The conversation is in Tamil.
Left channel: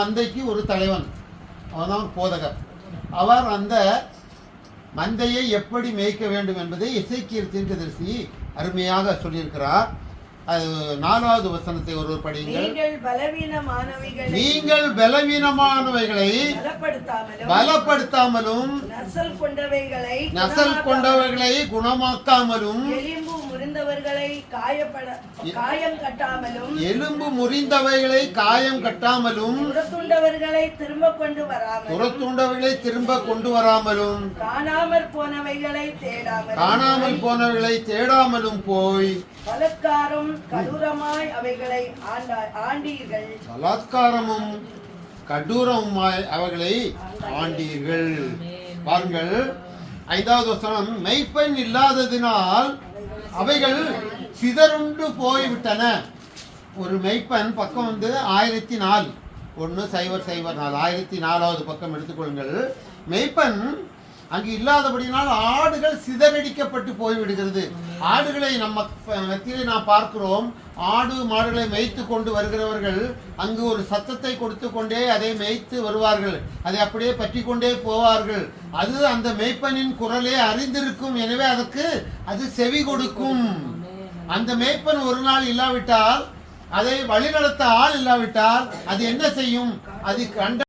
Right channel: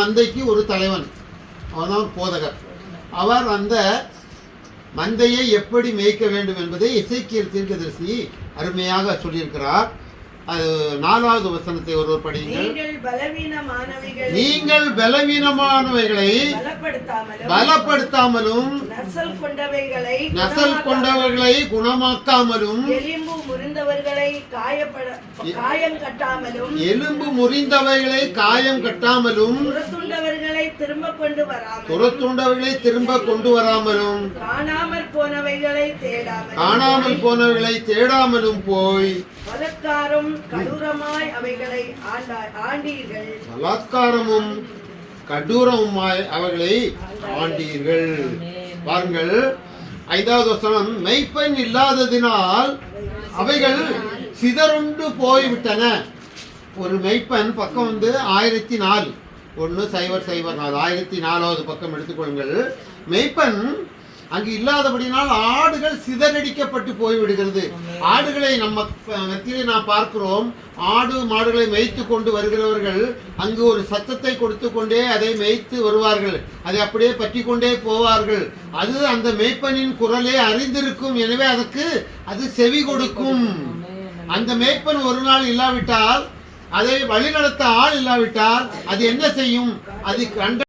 மந்தைக்கு ஒரு தலைவன், அவன்தான் போதகர். அவர் அந்த மந்தையை எப்படி மேய்க்க வேண்டும் என்பதை எசேக்கியேல் தீர்க்கதரிசி அருமையாக சொல்லியிருக்கிறார். அது 4வது வசனத்தை ஒருவர் படியுங்கள். நீங்கள் பலவீனமானவைகளை பலப்படுத்தாமலும் நசல் கொண்டவைகளை குணமாக்காமலும் எலும்பு முறிந்தவைகளை காயம் கட்டாமலும் துரத்துண்டவர்களை திரும்ப கொண்டு வராமலும் காணாமல் போனவைகளை தேடாமலும் போய் பலாத்காரமும் கடூரமாய் அவைகளை ஆண்டீர்கள். பாருங்கள், 5வது வசனம், மெய்ப்பெண் இல்லாததினால் அவைகள் சிதறுண்டு போய்விட்டன. ஒரு மெய்ப்பெண் பக்கம் 1004 1004வது பக்கம் எடுத்துக்கொள்ளுங்கள். மெய்ப்பெண் அங்கு இல்லாதபடினால் ஆடுகள் சிதறடிக்கப்பட்டு போய்விடுகிறது. ஆடுகளை நம்ம மத்தியிலே நாம் பார்க்கிறோம். ஆடு மாடுகளை மேய்த்து கொண்டு வருகிறவர்கள் அங்கு ஒரு சத்தத்தை கொடுத்து கொண்டே அதை மேய்த்து வருவார்கள். அதை அப்படியே பற்றி கொண்டே போவார்கள். அது அந்த மேய்ப்பனின் குரலே அறிந்திருக்கும். எனவே அதற்கு அது செவி கொடுக்கும். அந்த மேய்ப்பன் ஒரு நாள் இல்லாவிட்டால், அதை வழிநடத்த ஆள் இல்லாவிட்டால் அது என்ன செய்யும்? அது கண்ட